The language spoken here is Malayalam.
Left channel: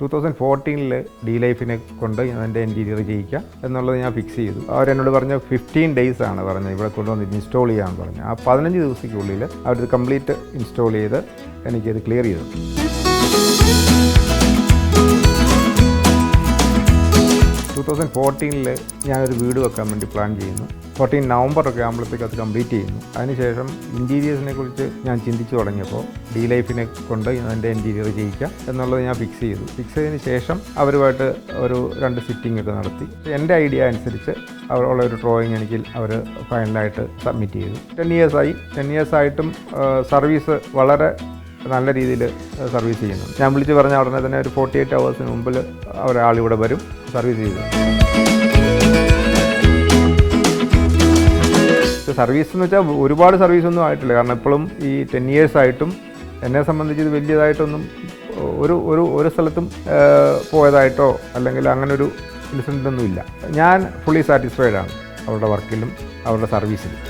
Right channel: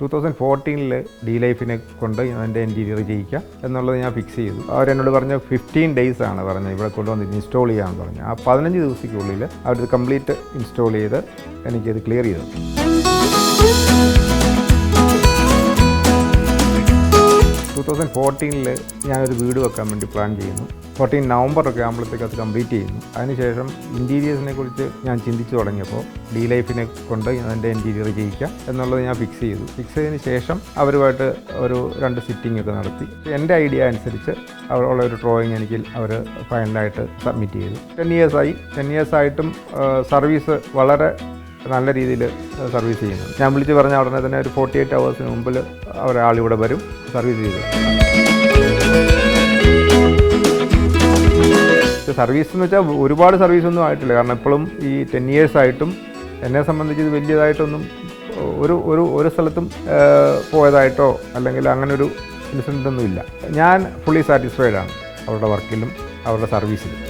2014 ഡി ലൈഫിനെ കൊണ്ട് എൻ്റെ ഇൻറ്റീരിയർ ചെയ്യിക്കുക എന്നുള്ളത് ഞാൻ ഫിക്സ് ചെയ്തു. അവരെന്നോട് പറഞ്ഞ 15 days ആണ് പറഞ്ഞത് ഇവിടെ കൊണ്ടുവന്ന് ഇൻസ്റ്റാൾ ചെയ്യാമെന്ന് പറഞ്ഞു. ആ 15 ദിവസത്തിനുള്ളിൽ അവരത് കംപ്ലീറ്റ് ഇൻസ്റ്റാൾ ചെയ്ത് എനിക്കത് ക്ലിയർ ചെയ്തു. 2014 ഞാനൊരു വീട് വെക്കാൻ വേണ്ടി പ്ലാൻ ചെയ്യുന്നു. 14 November ഒക്കെ ആകുമ്പോഴത്തേക്ക് അത് കംപ്ലീറ്റ് ചെയ്യുന്നു. അതിനുശേഷം ഇൻറ്റീരിയേഴ്സിനെ കുറിച്ച് ഞാൻ ചിന്തിച്ചു തുടങ്ങിയപ്പോൾ ഡി ലൈഫിനെ കൊണ്ട് എൻ്റെ ഇൻറ്റീരിയർ ചെയ്യിക്കുക എന്നുള്ളത് ഞാൻ ഫിക്സ് ചെയ്തു. ഫിക്സ് ചെയ്തതിന് ശേഷം അവരുമായിട്ട് ഒരു 2 സിറ്റിംഗ് ഒക്കെ നടത്തി. എൻ്റെ ഐഡിയ അനുസരിച്ച് അവരുള്ള ഒരു ഡ്രോയിങ് എനിക്ക് അവർ ഫൈനലായിട്ട് സബ്മിറ്റ് ചെയ്തു. 10 years ആയിട്ടും സർവീസ് വളരെ നല്ല രീതിയിൽ സർവീസ് ചെയ്യുന്നുണ്ട്. ഞാൻ വിളിച്ച് പറഞ്ഞ ഉടനെ തന്നെ ഒരു 48 hours മുമ്പിൽ ഒരാളിവിടെ വരും സർവീസ് ചെയ്ത്. സർവീസ് എന്ന് വെച്ചാൽ ഒരുപാട് സർവീസൊന്നും ആയിട്ടില്ല. കാരണം ഇപ്പോഴും ഈ 10 years ആയിട്ടും എന്നെ സംബന്ധിച്ച് ഇത് വലിയതായിട്ടൊന്നും ഒരു സ്ഥലത്തും പോയതായിട്ടോ അല്ലെങ്കിൽ അങ്ങനെ ഒരു ഇൻസിഡൻ്റ് ഒന്നും ഇല്ല. ഞാൻ ഫുള്ളി സാറ്റിസ്ഫൈഡ് ആണ് അവരുടെ വർക്കിലും അവരുടെ സർവീസിലും.